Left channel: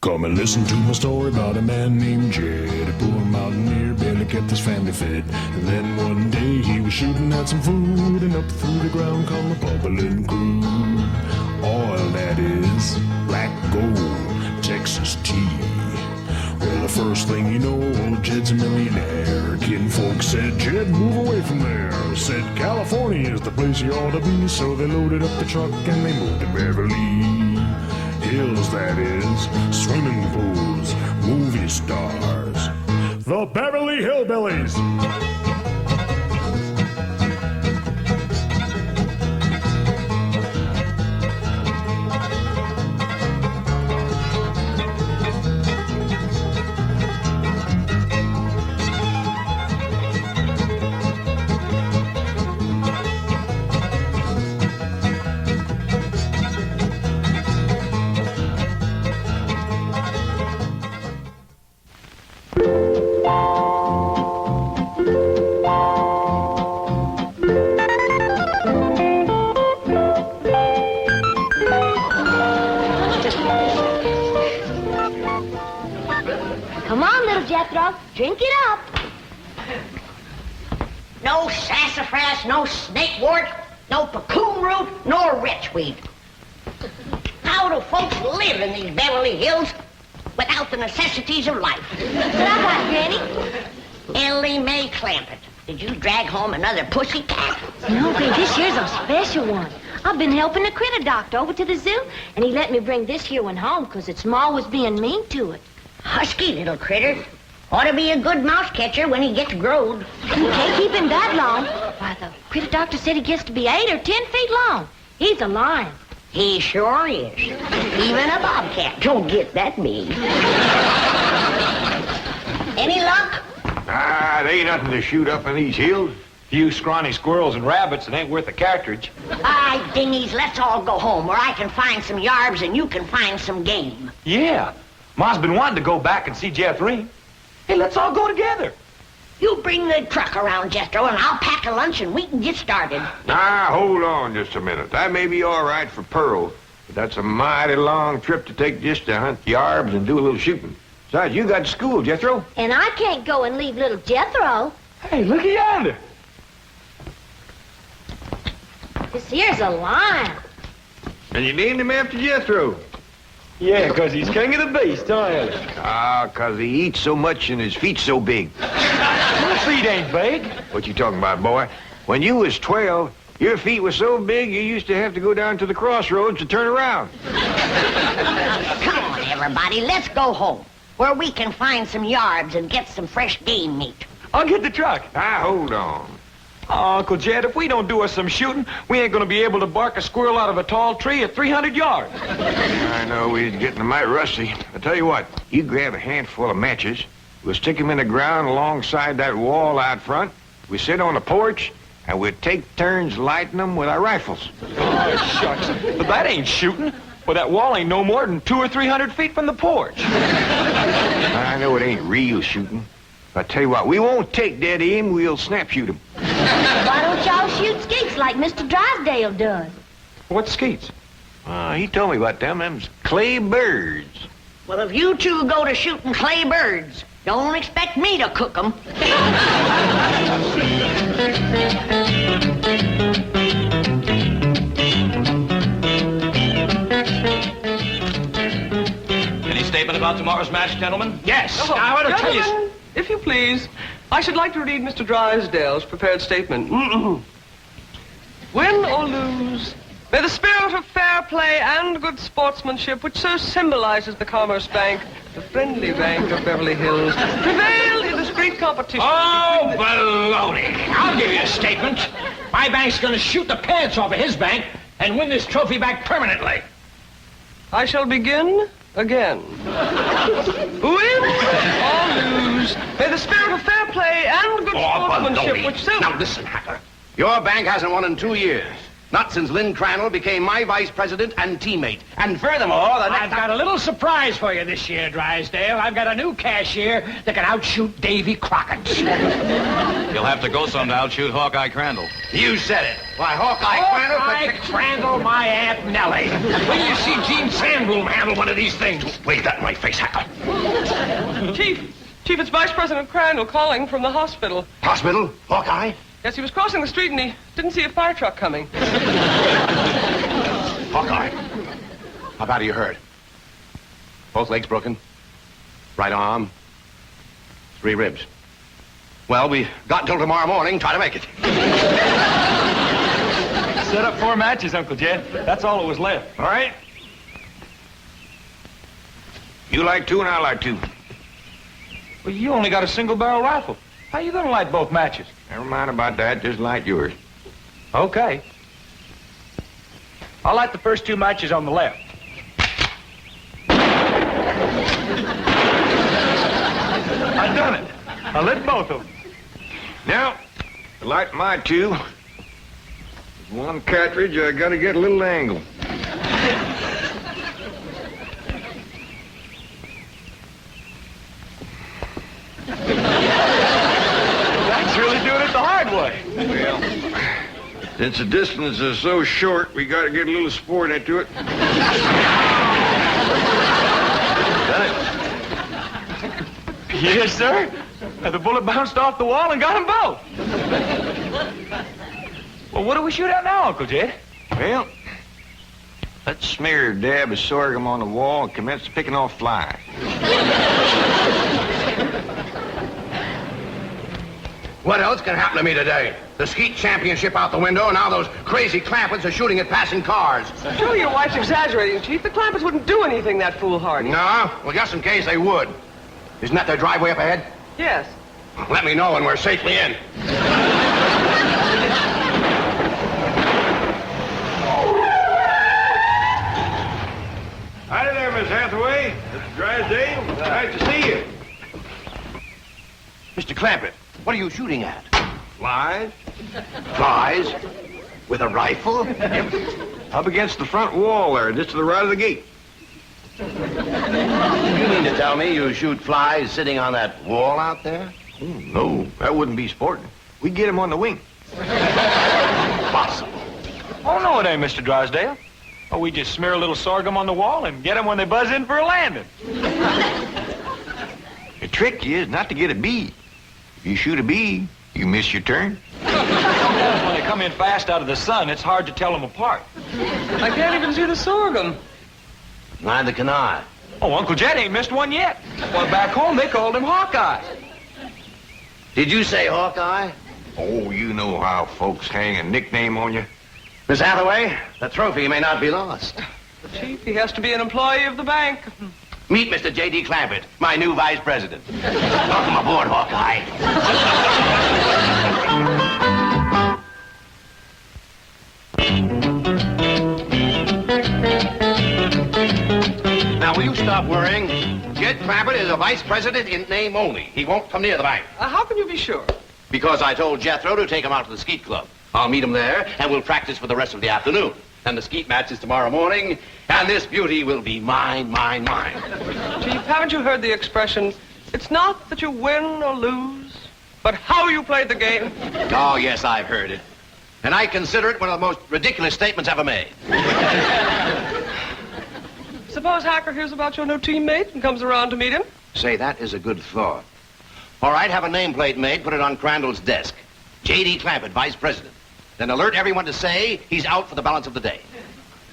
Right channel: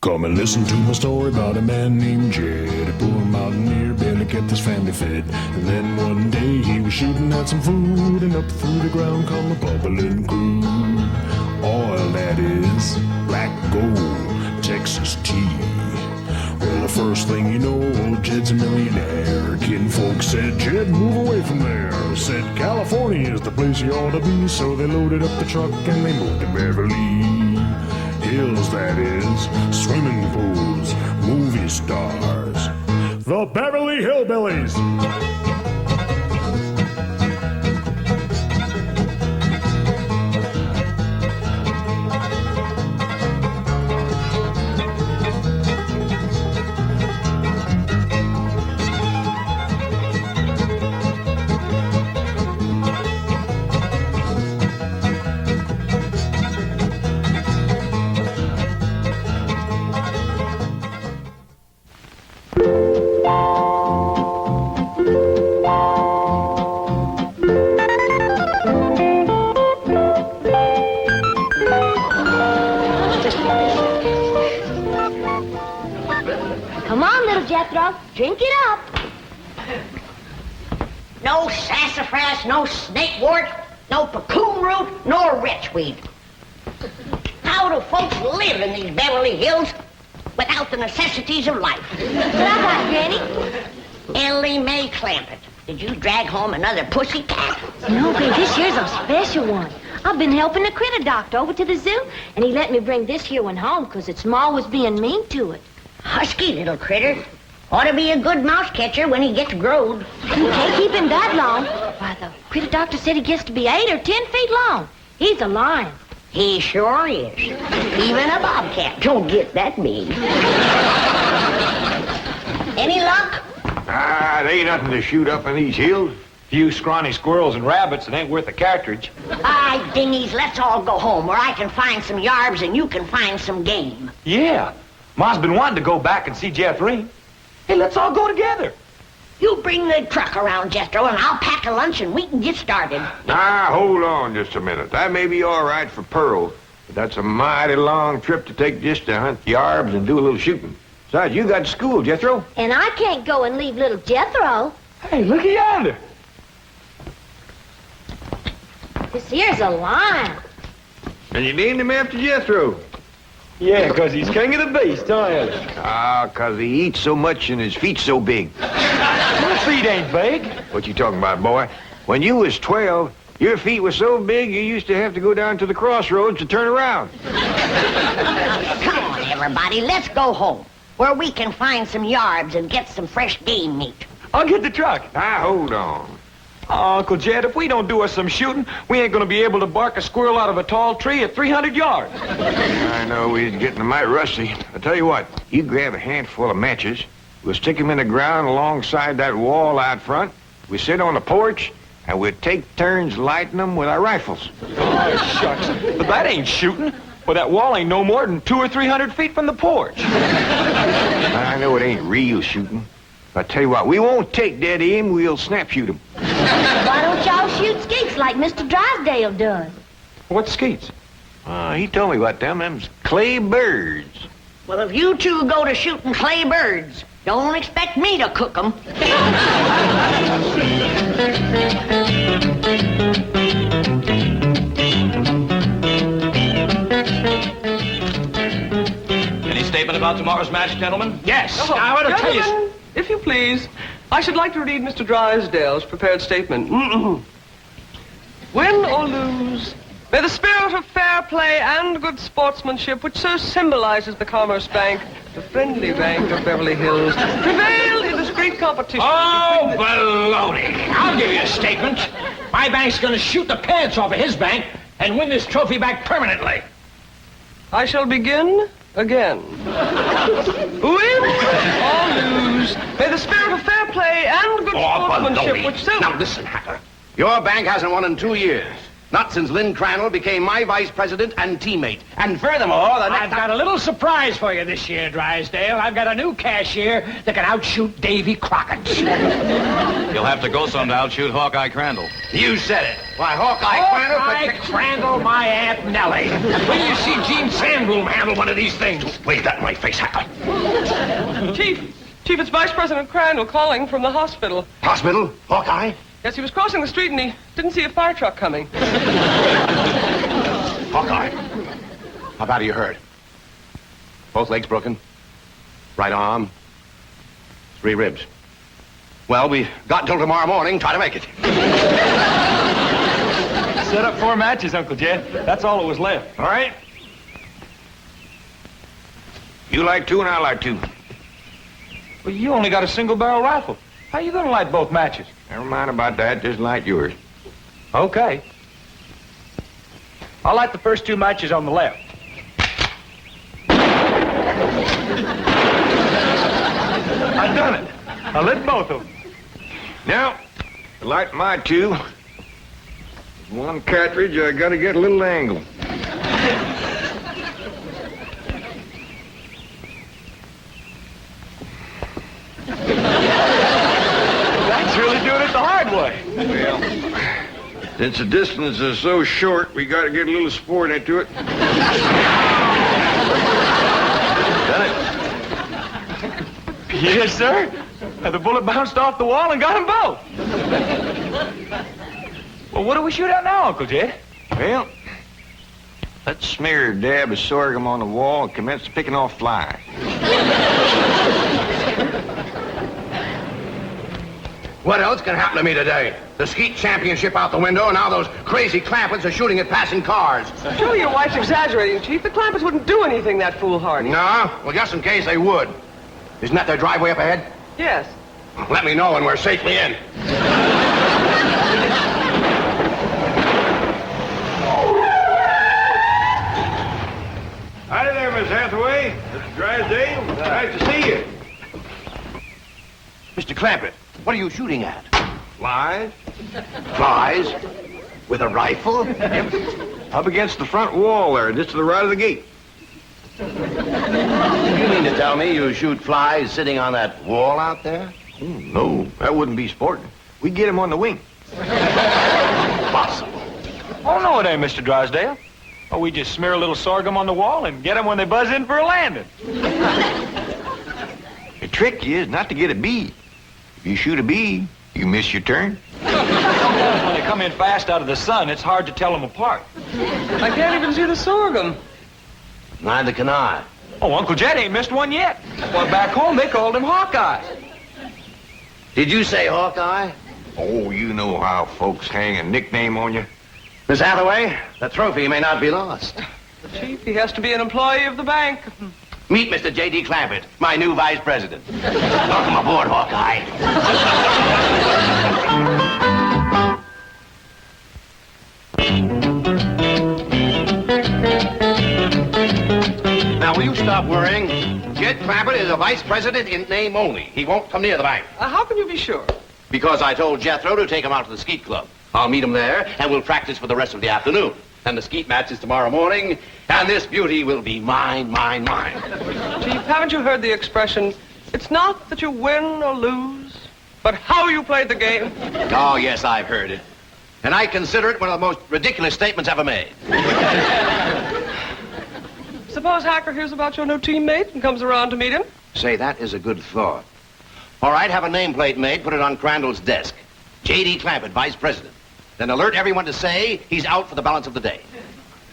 Come and listen to my story about a man named Jed. A poor mountaineer barely kept his family fed. And then one day he was shooting at some food, and up through the ground come a bubbling crude. Oil, that is, black gold, Texas tea. Well, the first thing you know, old Jed's a millionaire. Kinfolk said, Jed, move away from there. Said, California is the place you ought to be. So they loaded up the truck and they moved to Beverly Hills, that is, swimming pools, movie stars, the Beverly Hillbillies. Come on, little Jethro, drink it up. No sassafras, no snakewort, no cocoon root, nor wretchweed. How do folks live in these Beverly Hills without the necessities of life? What I got, Granny? Elly May Clampett. Did you drag home another pussy cat? No, babe, this year's a special one. I've been helping the critter doctor over to the zoo, and he let me bring this here one home because its ma was being mean to it. Husky little critter. Ought to be a good mouse catcher when he gets growed. You can't keep him that long. Why, the critter doctor said he gets to be 8 or 10 feet long. He's a lion. He sure is. Even a bobcat don't get that big. Any luck? There ain't nothing to shoot up in these hills. Few scrawny squirrels and rabbits, it ain't worth a cartridge. Aye, dingies, let's all go home where I can find some yarbs and you can find some game. Yeah. Ma's been wanting to go back and see Jethro. Hey, let's all go together. You bring the truck around, Jethro, and I'll pack a lunch and we can get started. Hold on just a minute. That may be all right for Pearl, but that's a mighty long trip to take just to hunt yarbs and do a little shooting. Besides, you got school, Jethro. And I can't go and leave little Jethro. Hey, look at yonder. This here's a lion. And you named him after Jethro. Yeah, 'cause he's king of the beast, huh, Elly? 'Cause he eats so much and his feet's so big. Your feet ain't big. What you talking about, boy? When you was 12, your feet were so big you used to have to go down to the crossroads to turn around. Come on, everybody, let's go home where we can find some yarbs and get some fresh game meat. I'll get the truck. Hold on. Oh, Uncle Jed, if we don't do us some shooting, we ain't gonna be able to bark a squirrel out of a tall tree at 300 yards. I know we're getting a mite rusty. I tell you what, you grab a handful of matches, we'll stick them in the ground alongside that wall out front, we sit on the porch, and we'll take turns lighting them with our rifles. Oh, shucks. But that ain't shooting. Well, that wall ain't no more than 200 or 300 feet from the porch. I know it ain't real shooting. I tell you what, we won't take dead aim, we'll snap shoot them. Why don't y'all shoot skeets like Mr. Drysdale does? What's skeets? He told me about them. Them's clay birds. Well, if you two go to shooting clay birds, don't expect me to cook them. Any statement about tomorrow's match, gentlemen? Yes. I want to tell you... Gentlemen, if you please, I should like to read Mr. Drysdale's prepared statement. Win or lose, may the spirit of fair play and good sportsmanship, which so symbolizes the Commerce Bank, the friendly bank of Beverly Hills, prevail in this great competition. Oh, baloney. I'll give you a statement. My bank's going to shoot the pants off of his bank and win this trophy back permanently. I shall begin again. Win or lose, may the spirit of fair play and good sportsmanship, baloney. which so... Now listen, Hatter. Your bank hasn't won in 2 years. Not since Lynn Crandall became my vice president and teammate. And furthermore, I've got a little surprise for you this year, Drysdale. I've got a new cashier that can outshoot Davy Crockett. You'll have to go some to outshoot Hawkeye Crandall. You said it. Why, Hawkeye Crandall... Hawkeye Crandall, my Aunt Nellie. When you see Gene Sandbloom handle one of these things. Wave that in my face, Hacker. Chief, it's Vice President Crandall calling from the hospital. Hospital? Hawkeye? Yes, he was crossing the street and he didn't see a fire truck coming. Hawkeye, how bad are you hurt? Both legs broken? Right arm? 3 ribs. Well, we got until tomorrow morning. Try to make it. Set up 4 matches, Uncle Jed. That's all that was left. All right? You like 2 and I like 2. Well, you only got a single-barrel rifle. How you gonna light both matches? Never mind about that. Just light yours. Okay. I'll light the first 2 matches on the left. I done it. I lit both of them. Now, to light my 2, with 1 cartridge, I gotta get a little angle. That's really doing it the hard way. Well, since the distance is so short, we gotta get a little sport into it. Done it. Yes, sir. The bullet bounced off the wall and got them both. Well, what do we shoot at now, Uncle Jed? Well, let's smear a dab of sorghum on the wall and commence picking off flies. What else can happen to me today? The skeet championship out the window, and now those crazy Clampetts are shooting at passing cars. Surely your wife's exaggerating, Chief. The Clampetts wouldn't do anything that foolhardy. No? Well, just in case they would. Isn't that their driveway up ahead? Yes. Let me know when we're safely in. Howdy there, Miss Hathaway. Mr. Drysdale. Nice to see you. Mr. Clampett, what are you shooting at? Flies? Flies? With a rifle? Yep. Up against the front wall there, just to the right of the gate. You mean to tell me you shoot flies sitting on that wall out there? No, that wouldn't be sporting. We'd get him on the wing. Impossible. Oh, no, it ain't, Mr. Drysdale. Oh, we just smear a little sorghum on the wall and get them when they buzz in for a landing. The trick is not to get a bee. If you shoot a bee, you miss your turn. When they come in fast out of the sun, it's hard to tell them apart. I can't even see the sorghum. Neither can I. Oh, Uncle Jed ain't missed one yet. Well, back home, they called him Hawkeye. Did you say Hawkeye? Oh, you know how folks hang a nickname on you. Miss Hathaway, the trophy may not be lost. The Chief, he has to be an employee of the bank. Meet Mr. J.D. Clampett, my new vice president. Welcome aboard, Hawkeye. Now, will you stop worrying? Jed Clampett is a vice president in name only. He won't come near the bank. How can you be sure? Because I told Jethro to take him out to the skeet club. I'll meet him there, and we'll practice for the rest of the afternoon. And the skeet match is tomorrow morning, and this beauty will be mine, mine, mine. Chief, haven't you heard the expression, it's not that you win or lose, but how you played the game? Oh, yes, I've heard it. And I consider it one of the most ridiculous statements ever made. Suppose Hacker hears about your new teammate and comes around to meet him? Say, that is a good thought. All right, have a nameplate made, put it on Crandall's desk. J.D. Clampett, vice president. Then alert everyone to say he's out for the balance of the day.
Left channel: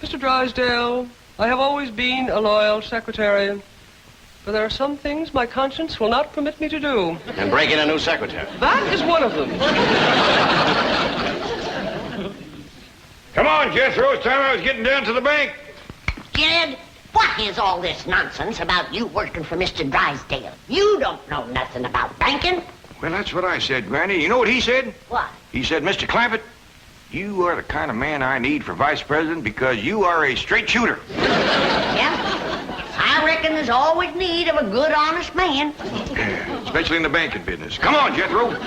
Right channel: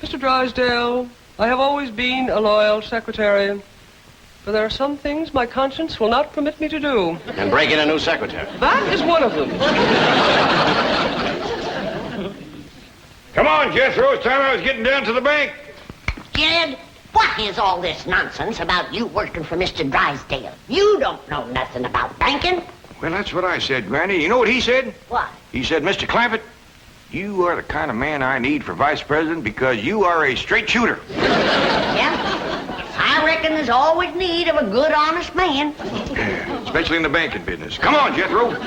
Mr. Drysdale, I have always been a loyal secretary, but there are some things my conscience will not permit me to do. And break in a new secretary. That is one of them. Come on, Jethro. It's time I was getting down to the bank. Jed, what is all this nonsense about you working for Mr. Drysdale? You don't know nothing about banking. Well, that's what I said, Granny. You know what he said? What? He said, Mr. Clampett, you are the kind of man I need for vice president because you are a straight shooter. Yeah? I reckon there's always need of a good, honest man. Especially in the banking business. Come on, Jethro.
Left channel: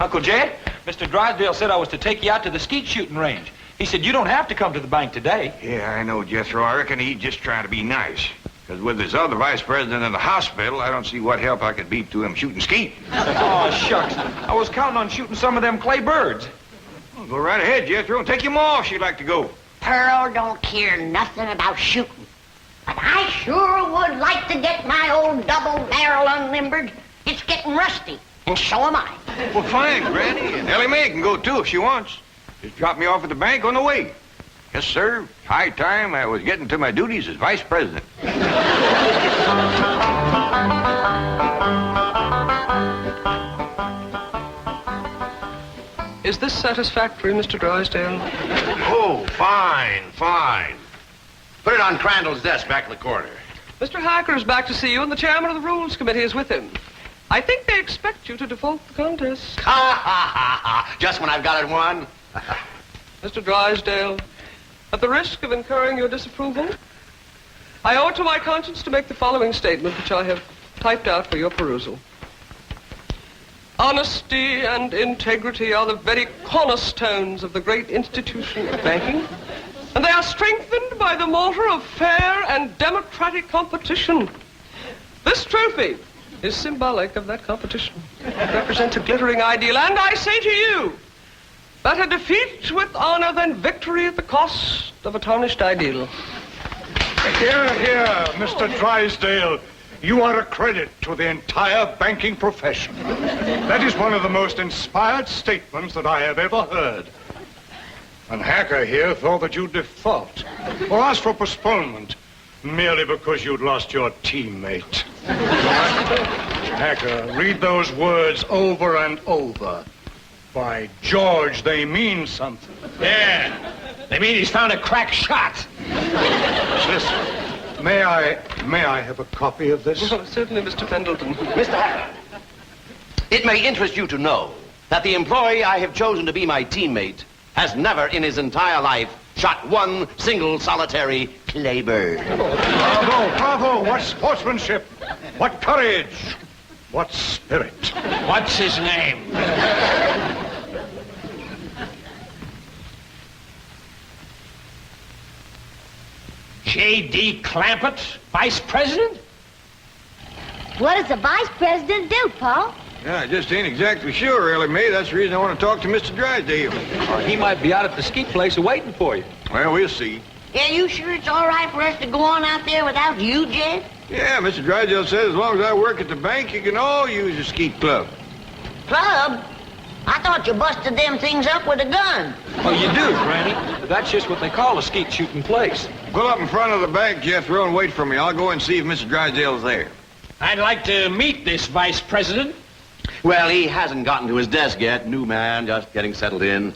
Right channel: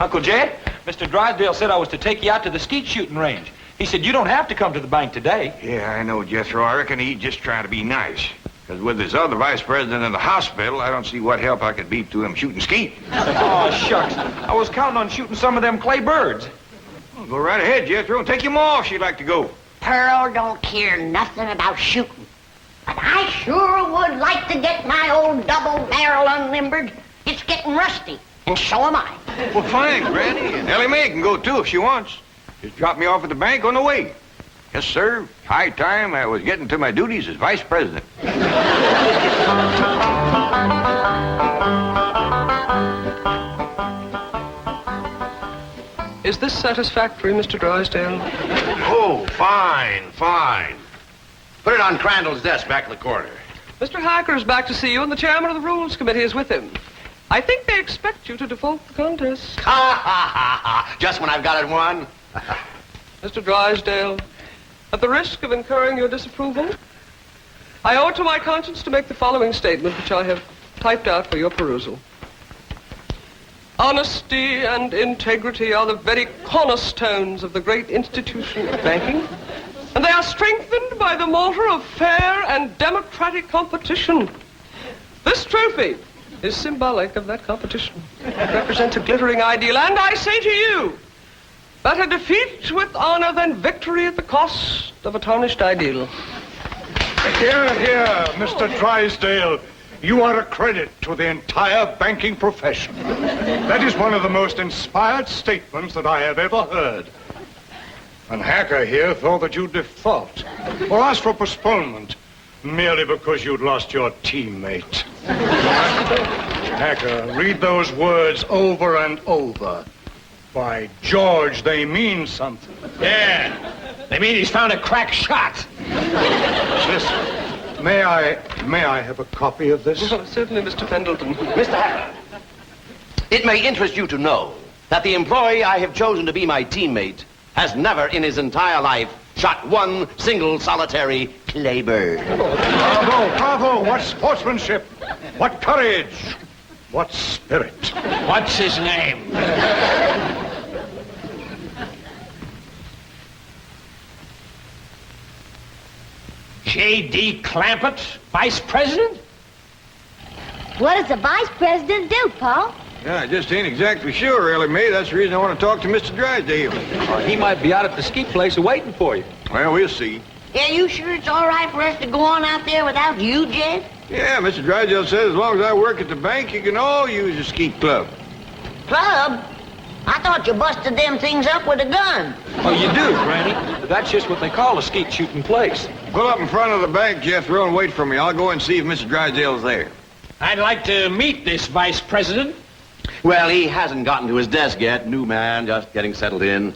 Uncle Jed, Mr. Drysdale said I was to take you out to the skeet shooting range. He said you don't have to come to the bank today. Yeah, I know, Jethro. I reckon he's just trying to be nice. Because with this other vice president in the hospital, I don't see what help I could be to him shooting skeet. Oh, shucks. I was counting on shooting some of them clay birds. Well, go right ahead, Jethro, and take him off if you'd like to go. Pearl don't care nothing about shooting. But I sure would like to get my old double barrel unlimbered. It's getting rusty, and so am I. Well, fine, Granny. And Elly May can go, too, if she wants. Just drop me off at the bank on the way. Yes, sir. High time I was getting to my duties as vice president. Is this satisfactory, Mr. Drysdale? Oh, fine, fine. Put it on Crandall's desk back in the corner. Mr. Hacker is back to see you, and the chairman of the Rules Committee is with him. I think they expect you to default the contest. Ha, ha, ha, ha. Just when I've got it won. Mr. Drysdale, at the risk of incurring your disapproval, I owe it to my conscience to make the following statement, which I have typed out for your perusal. Honesty and integrity are the very cornerstones of the great institution of banking, and they are strengthened by the mortar of fair and democratic competition. This trophy is symbolic of that competition. It represents a glittering ideal, and I say to you, better defeat with honor than victory at the cost of a tarnished ideal. Here, here, Mr. Drysdale. You are a credit to the entire banking profession. That is one of the most inspired statements that I have ever heard. And Hacker here thought that you'd default or ask for postponement merely because you'd lost your teammate. Hacker, read those words over and over. By George, they mean something. Yeah. They mean he's found a crack shot. Listen. May I have a copy of this? Oh, certainly, Mr. Pendleton. Mr. Hacker, it may interest you to know that the employee I have chosen to be my teammate has never in his entire life shot one single solitary clay bird. Bravo, bravo. What sportsmanship. What courage. What spirit. What's his name? J.D. Clampett, vice president? What does the vice president do, Paul? Yeah, I just ain't exactly sure, Elly May. That's the reason I want to talk to Mr. Drysdale. He might be out at the skeet place waiting for you. Well, we'll see. Yeah, you sure it's all right for us to go on out there without you, Jed? Yeah, Mr. Drysdale says as long as I work at the bank, you can all use the skeet club. Club? I thought you busted them things up with a gun. Oh, you do, Granny. That's just what they call a skeet shooting place. Pull up in front of the bank, Jethro, and wait for me. I'll go and see if Mr. Drysdale's there. I'd like to meet this vice president. Well, he hasn't gotten to his desk yet. New man, just getting settled in.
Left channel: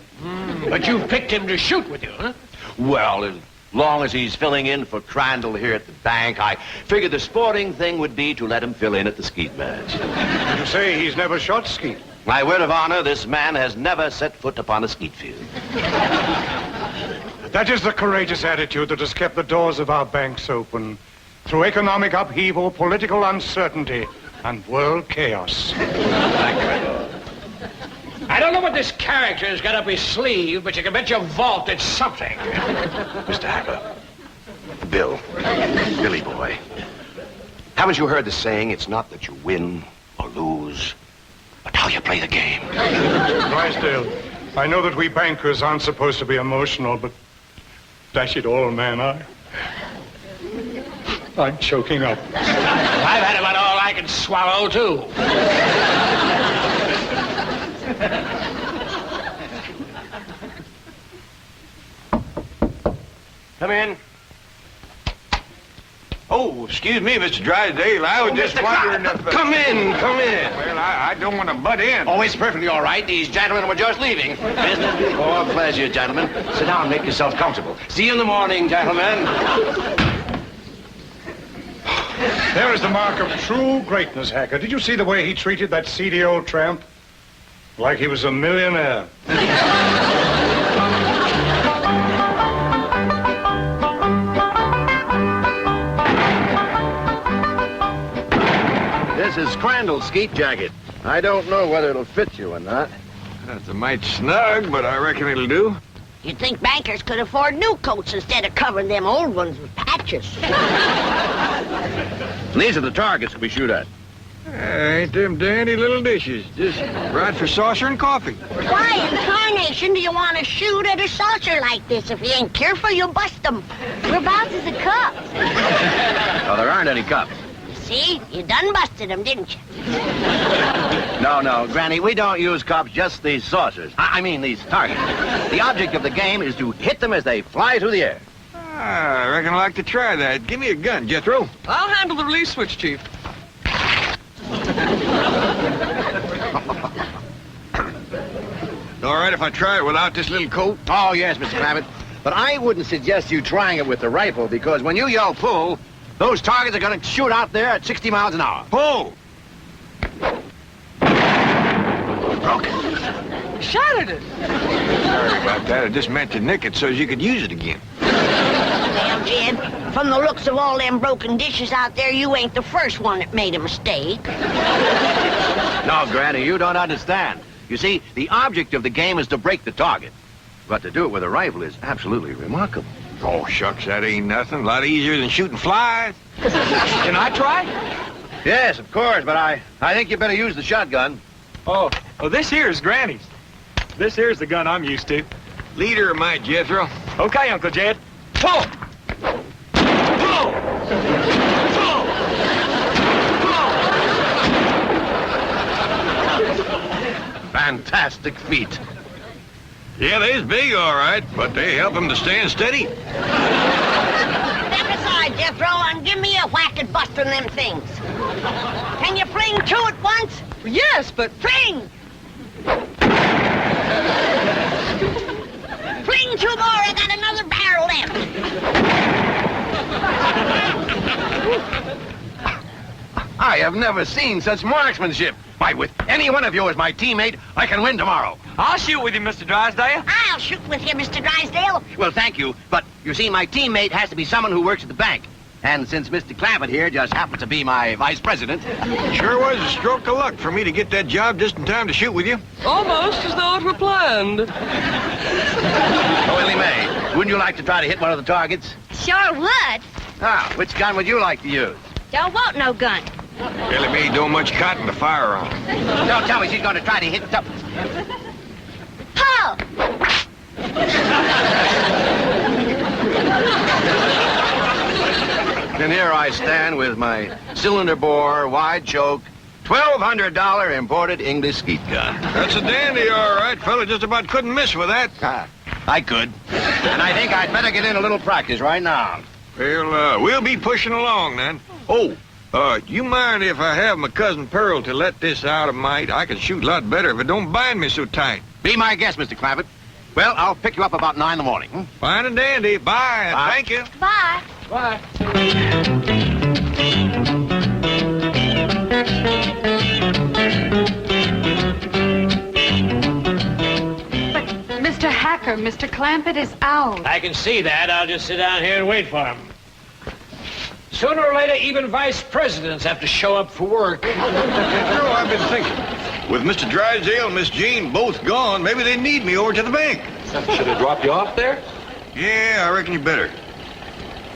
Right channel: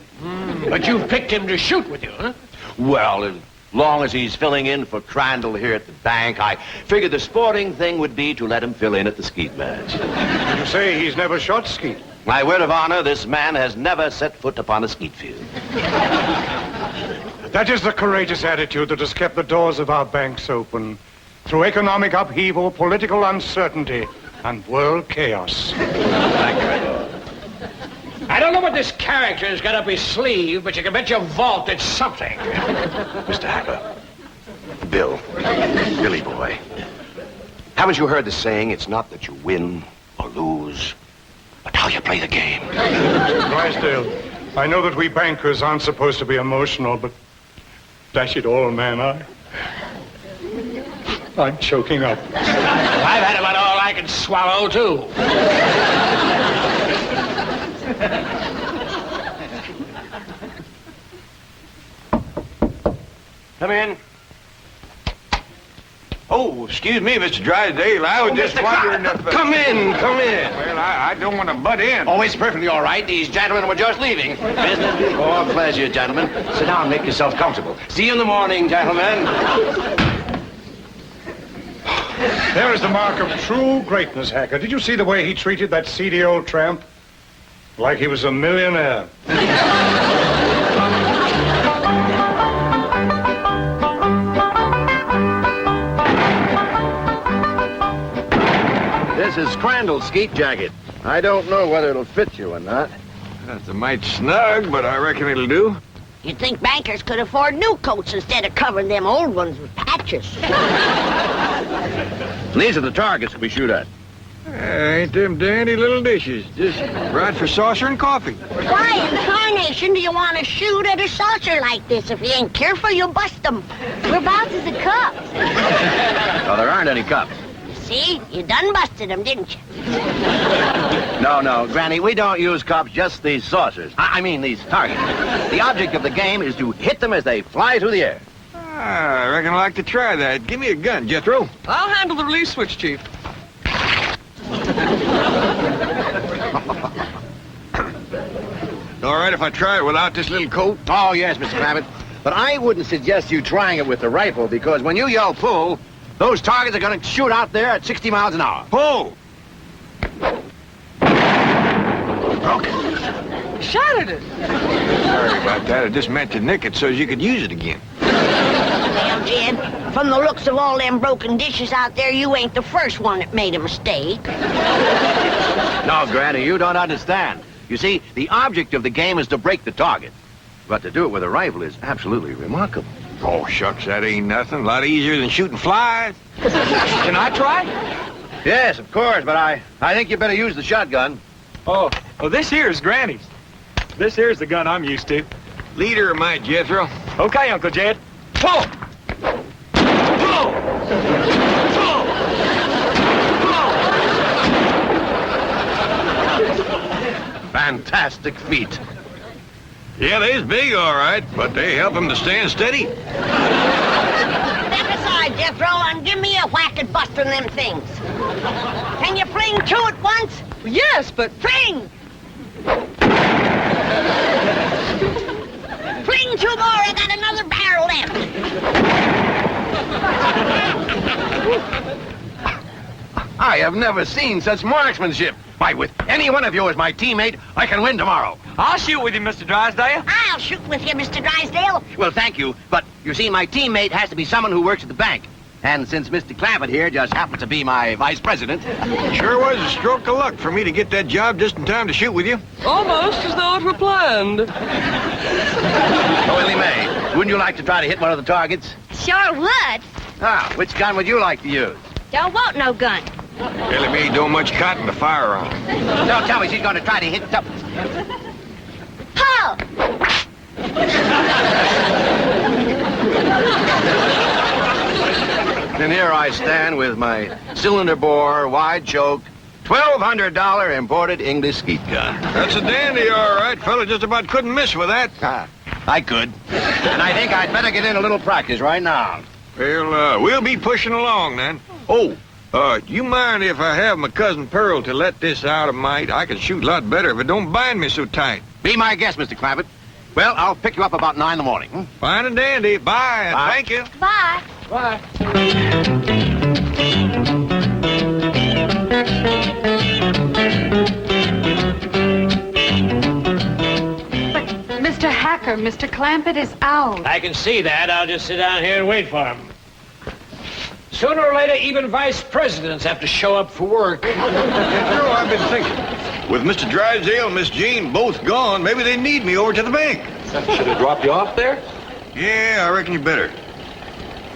But you've picked him to shoot with you, huh? Well, as long as he's filling in for Crandall here at the bank, I figured the sporting thing would be to let him fill in at the skeet match. Did you say he's never shot skeet? My word of honor, this man has never set foot upon a skeet field. That is the courageous attitude that has kept the doors of our banks open through economic upheaval, political uncertainty, and world chaos. Thank you, Edward. I don't know what this character's got up his sleeve, but you can bet your vault it's something. Mr. Hacker. Bill. Billy boy. Haven't you heard the saying, it's not that you win or lose, but how you play the game? Drysdale, I know that we bankers aren't supposed to be emotional, but dash it all, man, I'm choking up. I've had about all I can swallow, too. Come in. Oh, excuse me, Mr. Drysdale. I was just wondering if... Come in. Well, I don't want to butt in. Oh, it's perfectly all right. These gentlemen were just leaving. Business before pleasure, gentlemen. Sit down and make yourselves comfortable. See you in the morning, gentlemen. There is the mark of true greatness, Hacker. Did you see the way he treated that seedy old tramp? Like he was a millionaire. This is Crandall's skeet jacket. I don't know whether it'll fit you or not. That's a mite snug, but I reckon it'll do. You'd think bankers could afford new coats instead of covering them old ones with patches. These are the targets we shoot at. Ain't them dandy little dishes. Just right for saucer and coffee. Why in tarnation do you want to shoot at a saucer like this? If you ain't careful, you'll bust them. Whereabouts is the cups? Oh, there aren't any cups. See? You done busted them, didn't you? No, Granny, we don't use cups, just these saucers. I mean these targets. The object of the game is to hit them as they fly through the air. I reckon I'd like to try that. Give me a gun, Jethro. I'll handle the release switch, Chief. All right if I try it without this little coat? Oh, yes, Mr. Clampett. But I wouldn't suggest you trying it with the rifle, because when you yell pull, those targets are going to shoot out there at 60 miles an hour. Pull! Shattered it. Sorry about that. I just meant to nick it so you could use it again. Well, Jed, from the looks of all them broken dishes out there, you ain't the first one that made a mistake. No, Granny, you don't understand. You see, the object of the game is to break the target. But to do it with a rifle is absolutely remarkable. Oh, shucks, that ain't nothing. A lot easier than shooting flies. Can I try? Yes, of course, but I think you better use the shotgun. Oh, this here's Granny's. This here's the gun I'm used to. Leader of mine, Jethro. Okay, Uncle Jed. Pull! Pull! Pull! Fantastic feat. Yeah, they's big, all right, but they help him to stand steady. Step aside, Jethro, and give me a whack at busting them things. Can you fling two at once? Yes, but... Fling! Fling two more, I got another barrel left. I have never seen such marksmanship. Why, with any one of you as my teammate, I can win tomorrow. I'll shoot with you, Mr. Drysdale. I'll shoot with you, Mr. Drysdale. Well, thank you, but you see, my teammate has to be someone who works at the bank. And since Mr. Clampett here just happens to be my vice president... Sure was a stroke of luck for me to get that job just in time to shoot with you. Almost as though it were planned. Oh, Elly May, wouldn't you like to try to hit one of the targets? Sure would. Ah, which gun would you like to use? Don't want no gun. Elly May don't much cotton to fire on. Don't tell me she's going to try to hit something. Pull! And here I stand with my cylinder bore, wide choke, $1,200 imported English skeet gun. That's a dandy, all right. Fella just about couldn't miss with that. Ah, I could. And I think I'd better get in a little practice right now. Well, we'll be pushing along then. Oh, you mind if I have my cousin Pearl to let this out of mite? I can shoot a lot better if it don't bind me so tight. Be my guest, Mr. Clampett. Well, I'll pick you up about 9 in the morning. Fine and dandy. Bye. Bye. Thank you. Bye. Bye. Mr. Hacker, Mr. Clampett is out. I can see that. I'll just sit down here and wait for him. Sooner or later, even vice presidents have to show up for work. Jethro, I've been thinking. With Mr. Drysdale and Miss Jean both gone, maybe they need me over to the bank. Should have dropped you off there? Yeah, I reckon you better.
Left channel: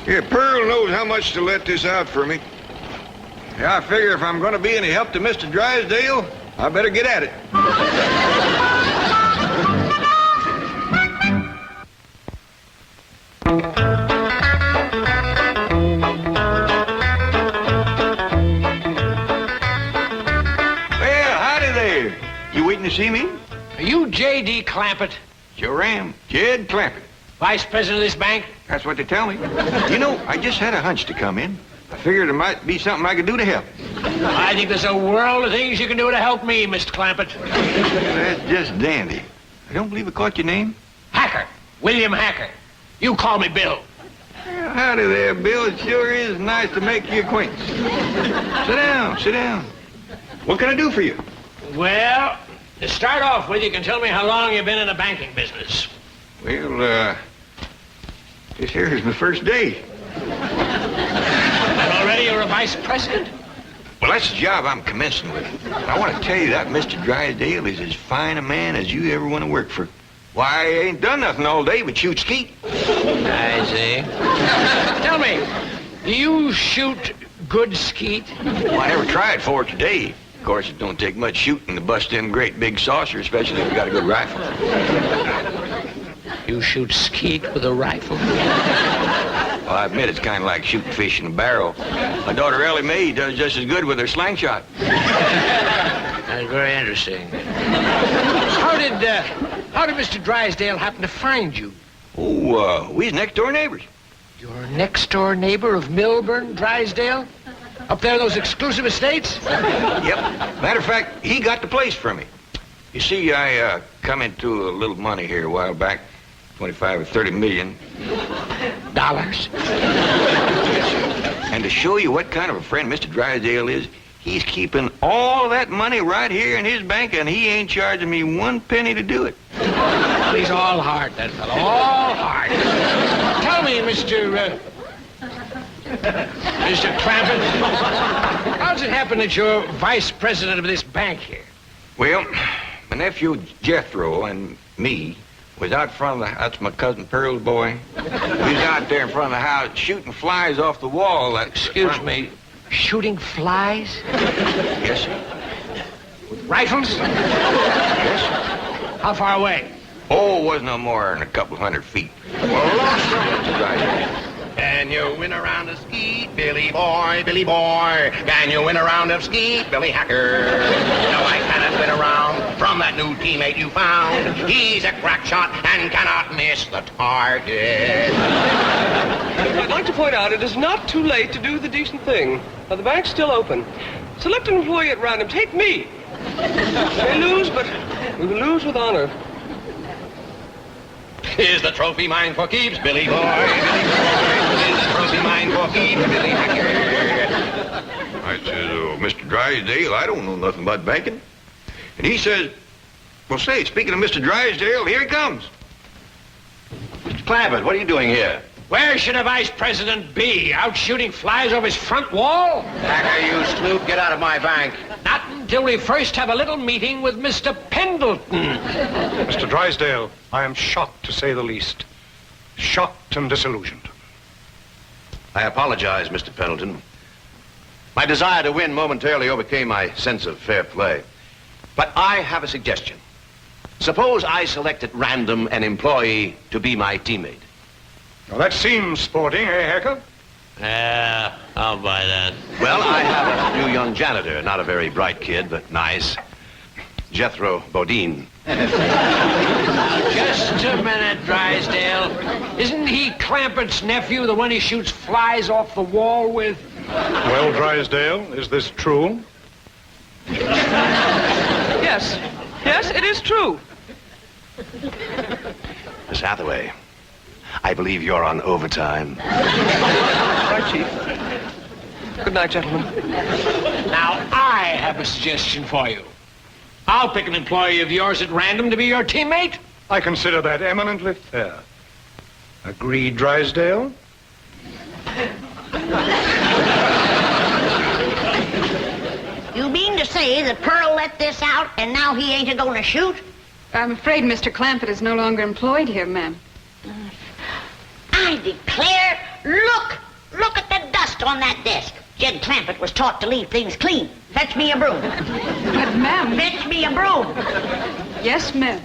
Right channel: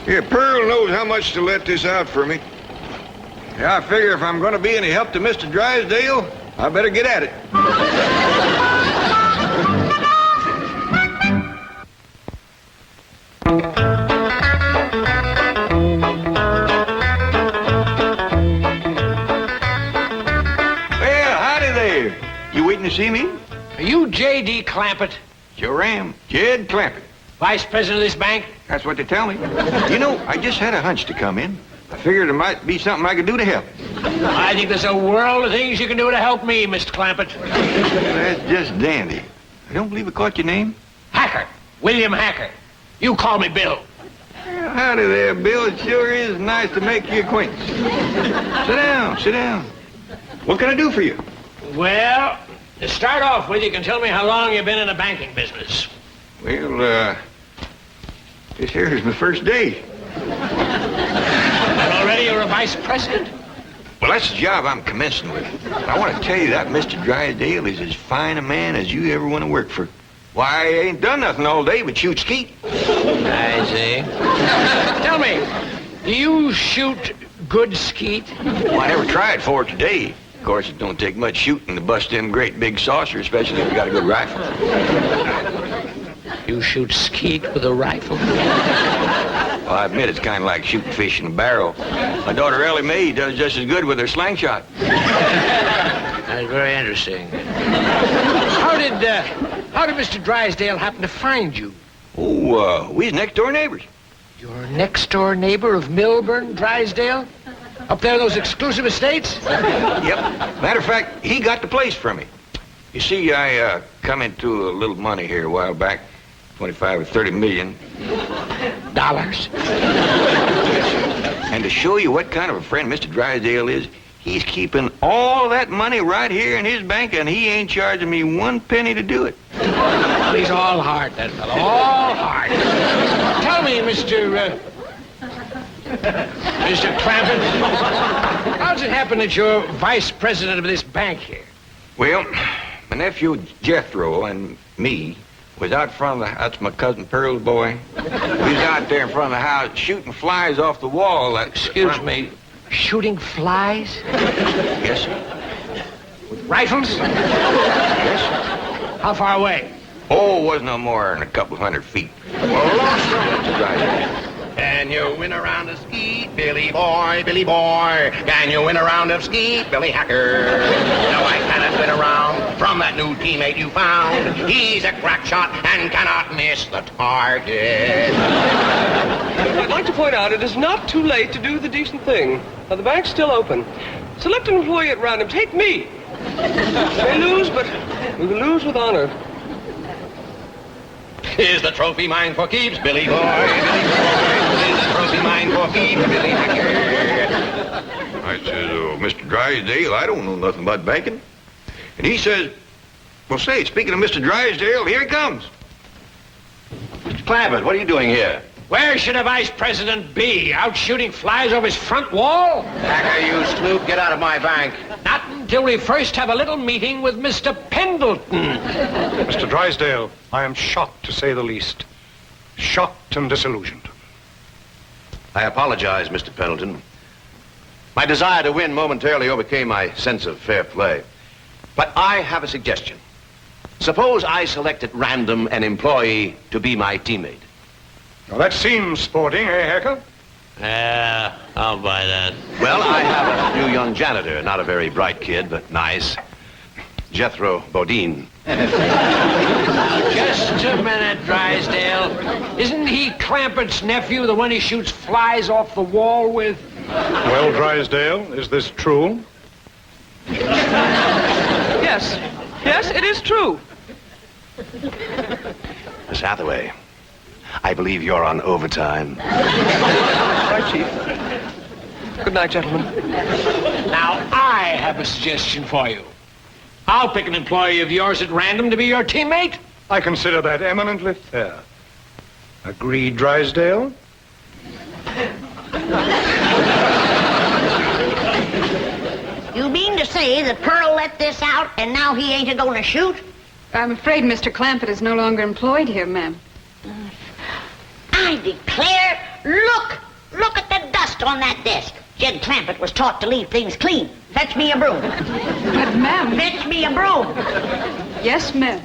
Yeah, Pearl knows how much to let this out for me. Yeah, I figure if I'm going to be any help to Mr. Drysdale, I better get at it. Well, howdy there. You waiting to see me? Are you J.D. Clampett, Sure am. Jed Clampett. vice president of this bank? That's what they tell me. You know, I just had a hunch to come in. I figured there might be something I could do to help. I think there's a world of things you can do to help me, Mr. Clampett. That's just dandy. I don't believe I caught your name. Hacker. William Hacker. You call me Bill. Well, howdy there, Bill. It sure is nice to make your acquaintance. Sit down, sit down. What can I do for you? Well, to start off with, you can tell me how long you've been in the banking business. Well, this here is my first day. And already you're a vice president? Well, that's the job I'm commencing with. I want to tell you that Mr. Drysdale is as fine a man as you ever want to work for. Why, I ain't done nothing all day but shoot skeet. I see. Tell me, do you shoot good skeet? Well, I never tried for it today. Of course, it don't take much shooting to bust them great big saucers, especially if you got a good rifle. You shoot skeet with a rifle? Well, I admit it's kind of like shooting fish in a barrel. My daughter Elly Mae does just as good with her slingshot. That's very interesting. How did Mr. Drysdale happen to find you? Oh, we's next-door neighbors. Your next-door neighbor of Milburn, Drysdale? Up there in those exclusive estates? Yep. Matter of fact, he got the place from me. You see, I come into a little money here a while back, 25 or 30 million. Dollars? And to show you what kind of a friend Mr. Drysdale is, he's keeping all that money right here in his bank, and he ain't charging me 1 penny to do it. Well, he's all heart, that fellow. All heart. Tell me, Mr. Clampett, how does it happen that you're vice president of this bank here? Well, my nephew Jethro and me was out front of the... That's my cousin Pearl's boy. We was out there in front of the house shooting flies off the wall. Excuse me, shooting flies? Yes, sir. With rifles? Yes, sir. How far away? Oh, it wasn't no more than a couple of 100 feet. Can you win a round of skeet, Billy boy, Billy boy? Can you win a round of skeet, Billy Hacker? No, I cannot win a round from that new teammate you found. He's a crack shot and cannot miss the target. I'd like to point out it is not too late to do the decent thing. Now, the bank's still open. Select an employee at random. Take me. We may lose, but we will lose with honor. Is the trophy mine for keeps, Billy boy, Billy boy? Is the trophy mine for keeps, Billy Hacker? I said, Mr. Drysdale, I don't know nothing about banking. And he says, well, say, speaking of Mr. Drysdale, here he comes. Mr. Clampett, what are you doing here? Where should a vice president be? Out shooting flies off his front wall? Hacker, you snoop, get out of my bank. Not until we first have a little meeting with Mr. Pendleton. Mr. Drysdale, I am shocked, to say the least. Shocked and disillusioned. I apologize, Mr. Pendleton. My desire to win momentarily overcame my sense of fair play. But I have a suggestion. Suppose I select at random an employee to be my teammate. Now, that seems sporting, eh, Hacker? Yeah, I'll buy that. Well, I have a new young janitor, not a very bright kid, but nice. Jethro Bodine. Just a minute, Drysdale. Isn't he Clampett's nephew, the one he shoots flies off the wall with? Well, Drysdale, is this true? Yes. Yes, it is true. Miss Hathaway, I believe you're on overtime. Right, Chief. Good night, gentlemen. Now, I have a suggestion for you. I'll pick an employee of yours at random to be your teammate. I consider that eminently fair. Agreed, Drysdale? You mean to say that Pearl let this out and now he ain't a-going to shoot? I'm afraid Mr. Clampett is no longer employed here, ma'am. I declare, look at the dust on that desk. Jed Clampett was taught to leave things clean. Fetch me a broom. But, ma'am... Fetch me a broom. Yes, ma'am.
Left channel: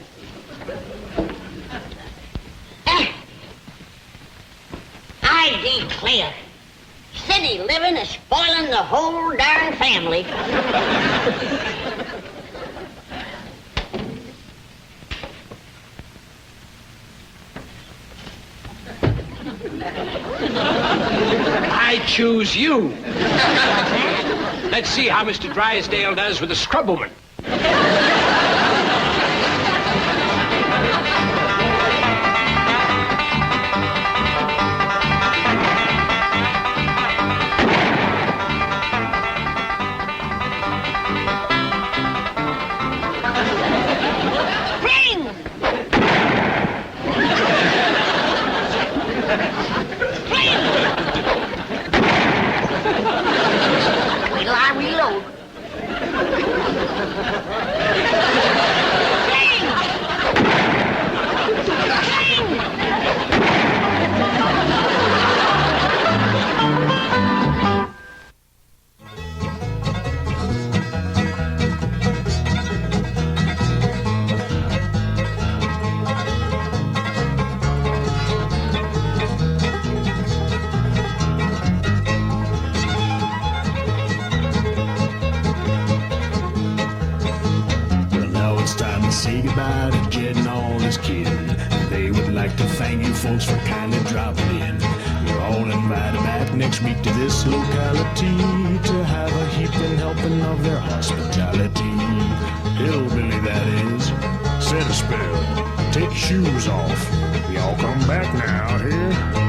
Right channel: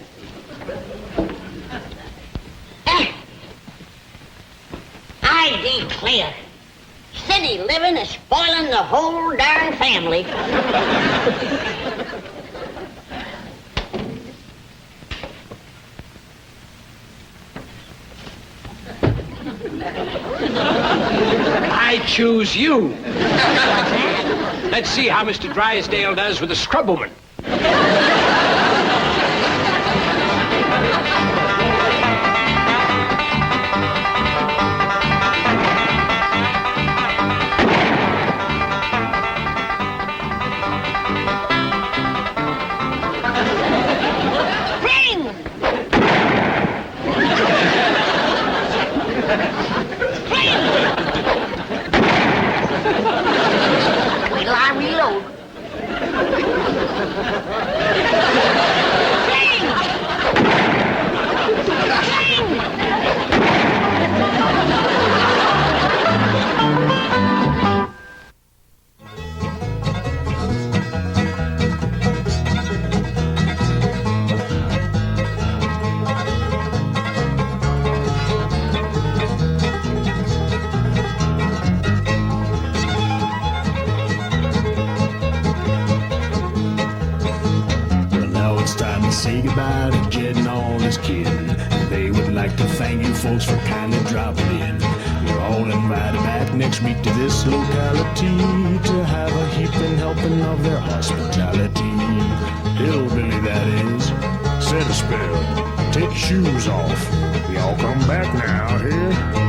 I declare, city living is spoiling the whole darn family. I choose you. Let's see how Mr. Drysdale does with the scrubwoman. Wait till I reload. say goodbye to Jed and all his kin. They would like to thank you folks for kindly dropping in. You're all invited back next week to this locality to have a heaping helping of their hospitality. Hillbilly, that is. Set a spell. Take your shoes off. We all come back now, here.